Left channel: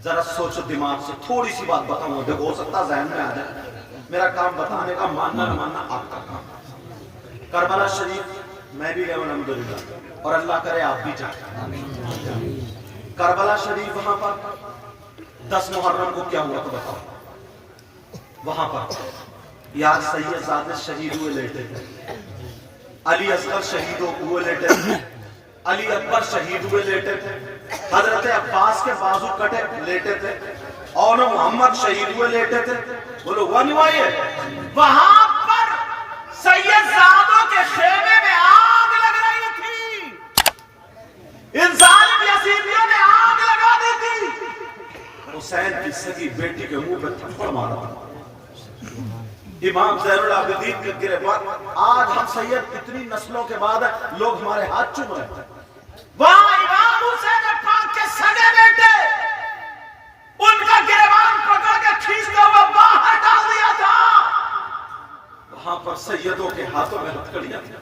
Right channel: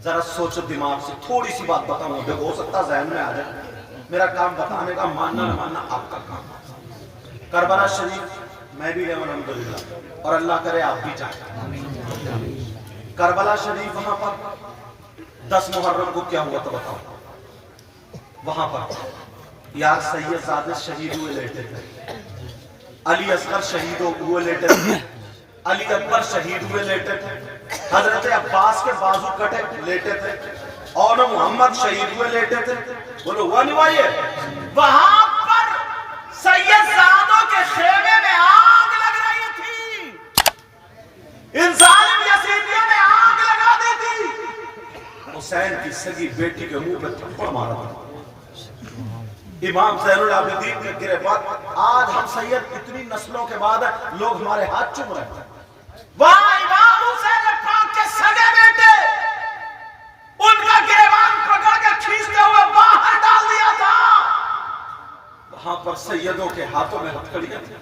जरा सोचो दिमाग से, थोड़ी सी बात बताऊं, देखो हो सकता जहन में आ जाए। मेरा काम बताने का, मानना न मानना आपका काम। करबला शरीफ मैं भी गया अल्हम्दुलिल्लाह, और अल्लाह करे आप भी जाए। करबला शरीफ वहां पर 10 मुहर्रम को क्या हुआ तो बताओ। वहां पर यार सैयदजादे शहीद हुए लेटे थे, अली असगर शहीद हुए लेटे थे, अली अकबर शहीद हुए लेटे थे, हजरत अब्बास के बाजू कटे लेटे थे, और मोहम्मद शहीद हुए लेटे थे। बोलो हुआ नहीं हुआ ये? वहां पर सैयदजादों के खेमे में आग लग रही थी, इंसान यजीदियों ने आग लगा दी थी। हुसैन की सगी बेटी के मुंह पे थप्पड़ मारा। इमाम ज़ैनुल आबिदीन के गिरफ्तार, आज हम सैयद इतनी नस्लों के बाद लोग हमारे हाथ चूम रहे हैं। वहां इमाम हुसैन पाक के सगे बेटे, उनका गिरबान पकड़ के खींचते हुए बाहर डाल दिया था। वहां पर सैयदों के हाथों में हथकड़ियां थी,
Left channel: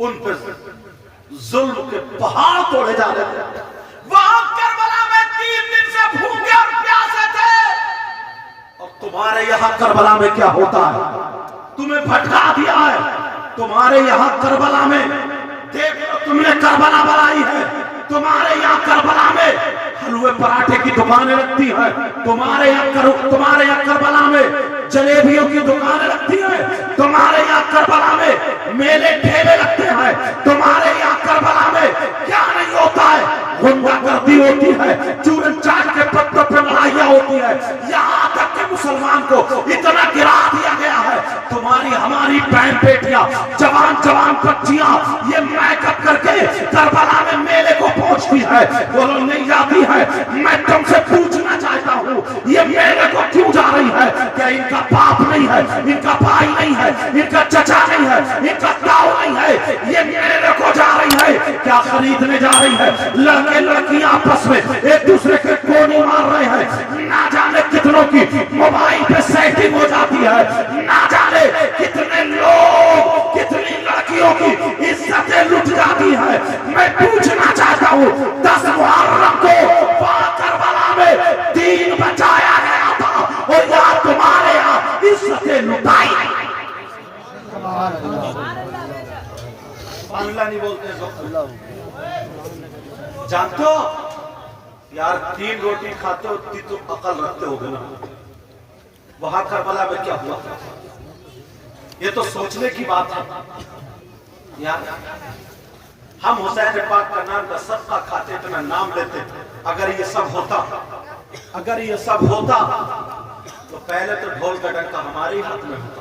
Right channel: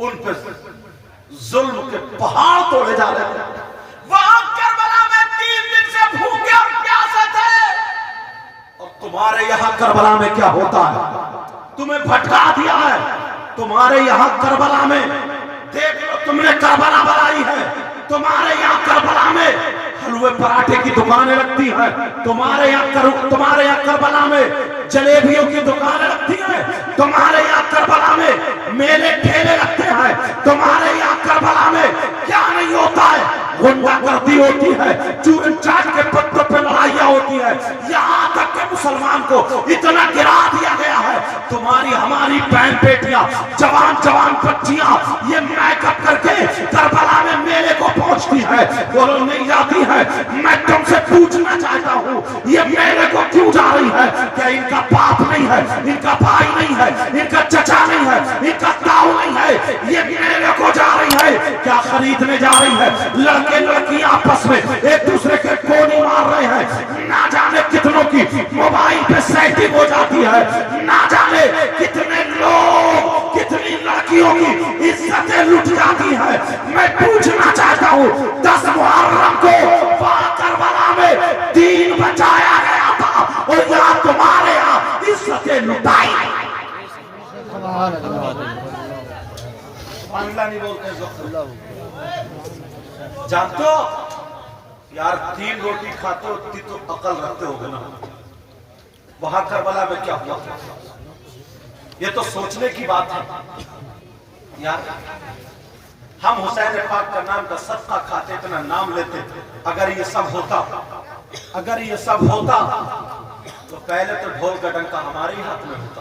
उन पर जुल्म के पहाड़ तोड़े जा रहे थे। वहां करबला में 3 दिन से भूखे और प्यासे थे। और तुम्हारे यहां करबला में क्या होता है? तुम्हें भटका दिया है। तुम्हारे यहां करबला में देख लो, तुमने करबला बनाई है। तुम्हारे यहाँ करबला में हलवे पराठे की दुकानें लगती हैं। तुम्हारे यहाँ करबला में जलेबियों की दुकानें लगती हैं। तुम्हारे यहाँ करबला में मेले ठेले लगते हैं। तुम्हारे यहाँ करबला में क्या नहीं होता है? गुंडागर्दी होती है, चूरन चाट के पत्तों पे लड़ाइयाँ होती है। यहाँ तक के मुसलमान को इतना गिरा दिया गया है। तुम्हारी हमारी बहन बेटियां, जवान जवान बच्चियां ये मैकअप करके करबला में मेले को पहुंचती है, वो नहीं जाती है। मैं तुमसे पूछना चाहता हूँ, ये मेले को क्यों जा रही है? क्या इनका बाप नहीं है, इनका भाई नहीं है, इनका चचा नहीं है, इनका ताऊ नहीं है? ये मेले को जा रही है क्या खरीदने जा रही है? लड़के लड़कियां आपस में एक दूसरे के गोली मार रहे हैं। ना जाने कितनों की मोबाइल पे सेटिंग हो जाती है। ना जाने कितने लोग, कितनी लड़कियों की इज्जतें लुट जाती है। मैं पूछना चाहता हूँ, 10 मुहर्रम को करबला में दीन बचाया गया था, और यहाँ तुम्हारे यहाँ इज्जतें लुटाई। अल्लाह नहीं बोलते जानते हो यार, 3 रोटी खाते हो तो अकल रखते हो ना। वहां करबला में क्या हुआ? ये तो सोचने की बात है यार। हम हुसैन पाक का नाम का सदका खाते, इतना नाम लेते। अगर ये सब होता तो पहले तो ढोल का डंका हमारे ही हाथ में होता।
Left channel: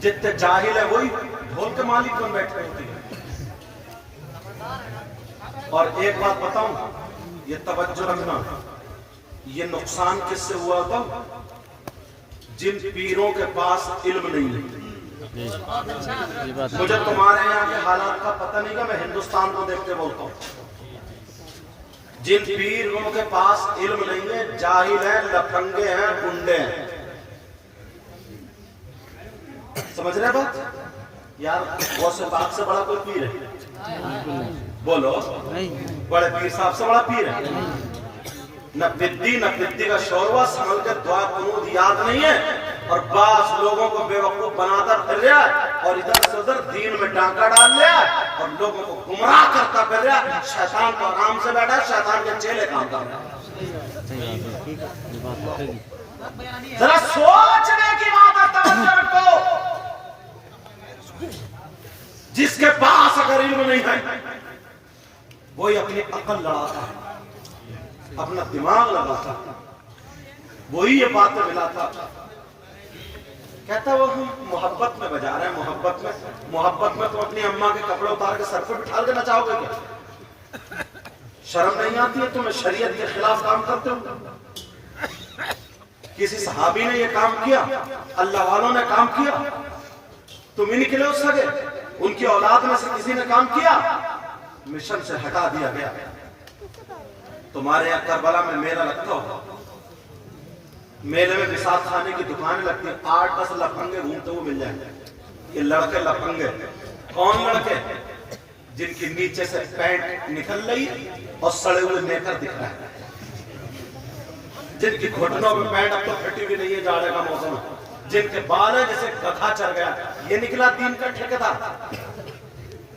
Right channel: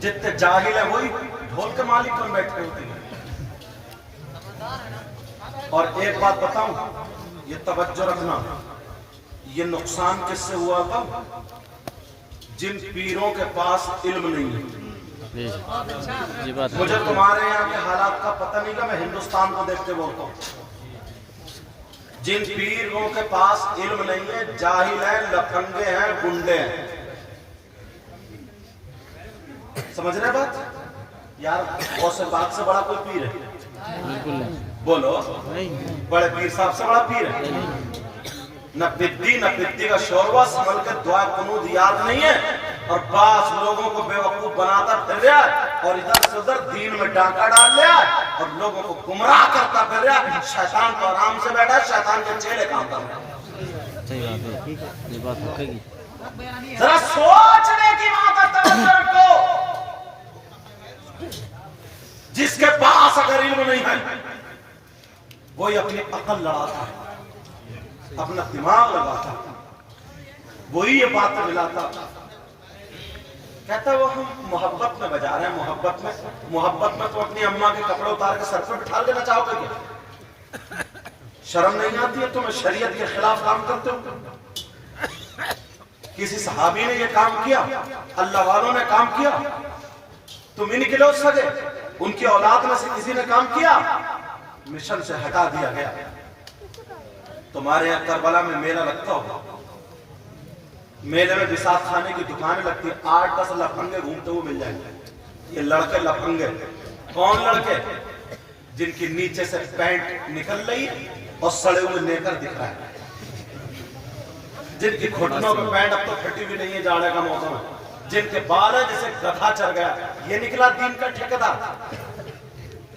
जितने जाहिल है वही ढोल के मालिक बन बैठे होते हैं। और एक बात बताऊं, ये तवज्जो रखना, ये नुकसान किससे हुआ था? जिन पीरों के पास इल्म नहीं है। मुझे तुम्हारे यहाँ के हालात का पता नहीं का, मैं हिंदुस्तान को देखते बोलता हूँ। जिन पीरों के पास इल्म नहीं है, जाहिल है, लफंगे हैं, गुंडे हैं। समझ रहे बात यार? गौसे पाक से बड़ा कोई पीर है? बोलो, बड़े पीर साहब से बड़ा पीर है? न बिद्दी का शोरवा संभल के दुआ कुनूद याद नहीं है, और बास लोगों को बेवकूफ बनाकर फिर रहा है, और इधर से उधर दीन में डांका डाल लिया, और लोगों को गुमराह करता फिर रहा है। शैतान तो आराम से बैठा है, शैतान के चेले काम कर रहे हैं। जरा सोचने की बात है, तवज्जो रखो। जिसके पास अगर इल्म नहीं है, वही अपनी अकल लड़ाता है, अपना दिमाग लगाता, वही ये बातें मिलाता। कहता वो हम मोहब्बत में बजा रहे हैं। मोहब्बत में तो अपनी अम्मा के कपड़े उतार के सर पर बिठा देना चाहोगे क्या? शर्म नहीं आती है? तुम्हें शरीयत के खिलाफ काम करते हो। किसी सहाबी ने ये काम किया, अल्लाह वालों ने काम किया, तुम ही निकले उस सगे। उनकी औलाद में से किसी ने काम किया, मिशन से हटा दिया गया। तुम्हारे यहाँ करबला में मेला लगता होगा, मेले में विसाख खाने की दुकानें लगती है। 8-10 लफंगे घूमते हुए मिल जाएंगे। ये लड़के लफंगे कौन लड़के? जिनकी नीचे से पैंट निकल रही और सड़े हुए नेकर दिख रहा है। जिनकी घुटनों में पैंट अब तो फटी भी नहीं है, जाड़े का मौसम है, जिनके बाल है जैसे गधा चढ़ गया, ये निकला दीन का ठेकेदार।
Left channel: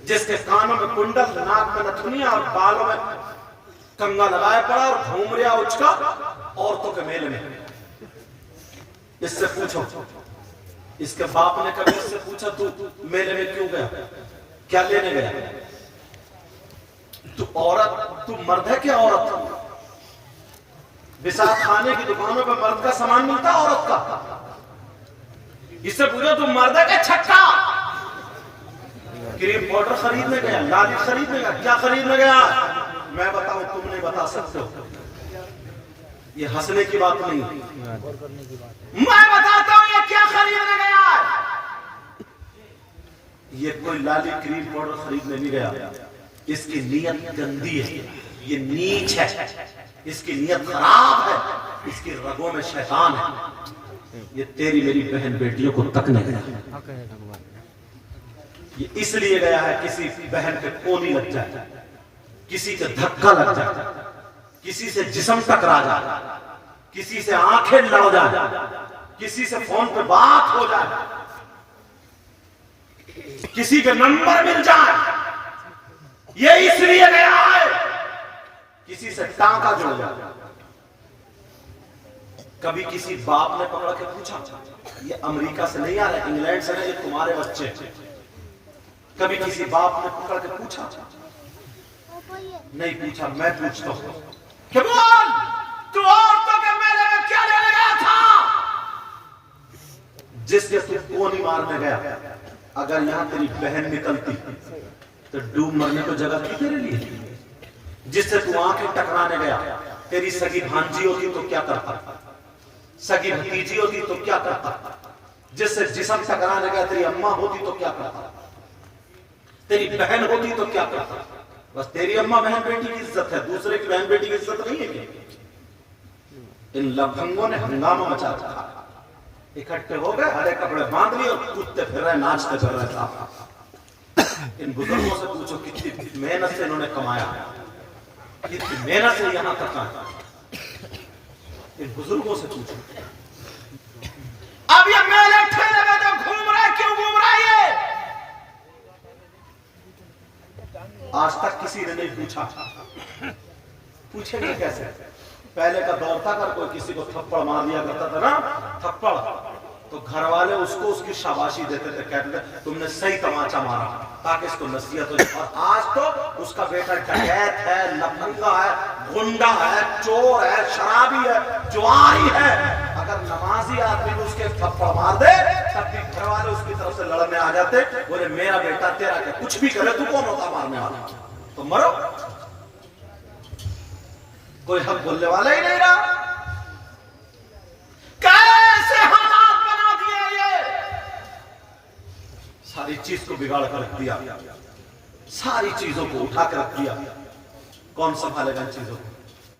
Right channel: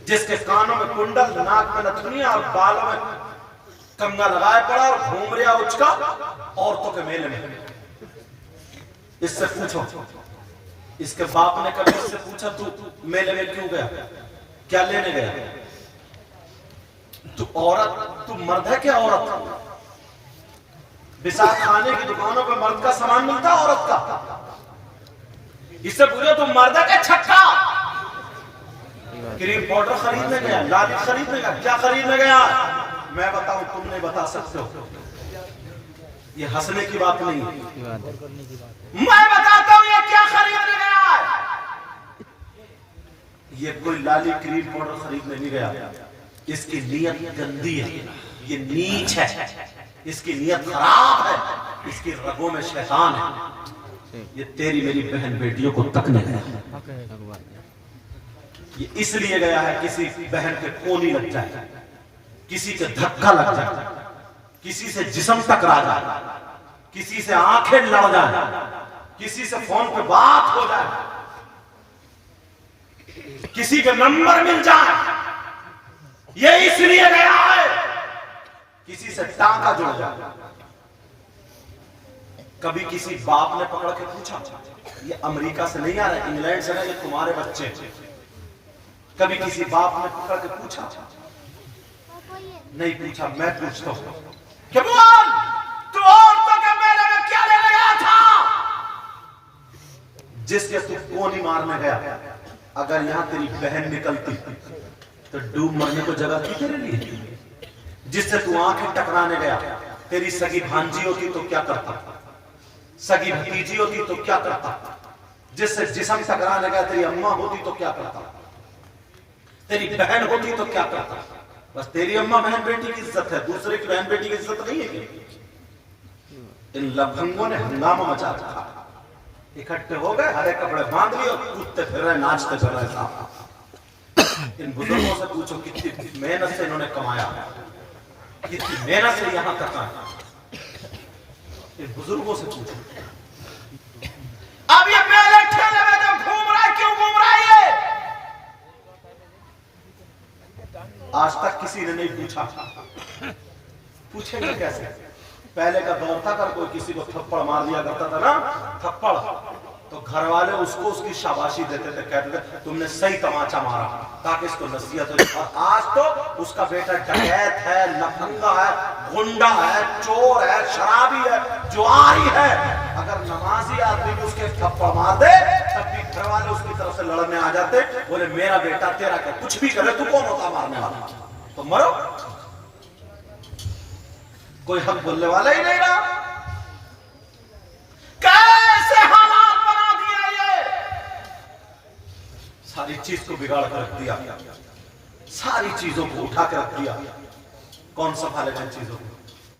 जिसके कानों में कुंडल, नाक में नथुनिया और बालों में कंगा लगाए पड़ा और घूम रहा उचका औरतों के मेले में। इससे पूछो, इसके बाप ने कभी इससे पूछा तू मेले में क्यों गया, क्या लेने गया? तू औरत, तू मर्द है क्या औरत? बिसात खाने की दुकानों पे मर्द का सामान मिलता है औरत का। इससे पूछो तू मर्द है क्या छक्का? क्रीम पाउडर खरीदने गया, लाली खरीदने गया, क्या खरीदने गया? मैं बताऊं, तुम नहीं बता सकते हो। ये हंसने की बात नहीं, मैं बताता हूं ये क्या खरीदने गया है। ये कोई लाली क्रीम पाउडर खरीदने नहीं गया, इसकी नीयत गंदी है, ये नीच है, इसकी नीयत खराब है, इसकी रगों में शैतान है। ये तेरी मेरी बहन बेटियों को तकने गया, ये इसलिए गया है किसी बहन के कोनी लग जाए, किसी के धक्का लग जाए, किसी से जिस्म टकरा जाए, किसी से आंखें लड़ जाए, किसी से फोन पे बात हो जाए, किसी के नंबर मिल जाए, ये इसलिए गया है किसी से टांका जुड़ जाए। कभी किसी बाप ने पकड़ के पूछा, ये अमेरिका से नहीं आ रहा, इंग्लैंड से ना, ये तुम्हारे बच्चे। कभी किसी बाप ने पकड़ के पूछा? नहीं पूछा, मैं पूछता हूं कि बोल, तू औरतों के मेले में क्या लेने गया था? जिसके तू कोनी मारने गया, अगर यहां तेरी बहन निकलती तो डूब मरने को जगह थी तेरे लिए। जिससे तू आंखें टकराने गया, तेरी सगी भांजी होती तो क्या करता, सगी भतीजी होती तो क्या करता, जिससे जिस्म टकराने गया तेरी अम्मा होती तो क्या करता, तेरी बहन होती तो क्या करता। बस तेरी अम्मा बहन बेटी की इज्जत है, दूसरे की बहन बेटी की इज्जत नहीं है क्या? इन लफंगों ने हंगामा मचा रखा, इकट्ठे हो गए, हरे कपड़े बांध लिए और कूदते फिर रहे, नाचते फिर रहे साहब। इन बुजुर्गों से पूछो कितनी मेहनत से इन्होंने कमाया, कितनी मेहनत से यहां तक आए। इन बुजुर्गों से पूछो। अब ये मेले ठेले में तो घूम रहा है, क्यों घूम रहा है ये? आज तक किसी ने नहीं पूछा, पूछेंगे कैसे? पहले का दौर था, अगर कोई किसी को थप्पड़ मार दिया करता था ना, थप्पड़, तो घर वाले उसको उसकी शाबाशी देते थे, कहते थे तुमने सही तमाचा मारा, ताकि इसको नसीहत हो जाए। और आज तो उसका बेटा डकैत है, लफंगा है, गुंडा है, चोर है, शराबी है, जुआरी है, अगर नमाजी आदमी भी उसके थप्पड़ मार दे तब भी घर वाले उसकी तरफ से लड़ने आ जाते, बोले मेरा बेटा तेरा क्या, कुछ भी करे तू कौन होता मारने वाला, तो मरो। कोई हक बोलने वाला ही नहीं रहा। कैसे हालात बना दिया ये, सारी चीज को बिगाड़ कर रख दिया, सारी चीजों को उठा कर रख दिया। कौन संभालेगा इन चीजों को?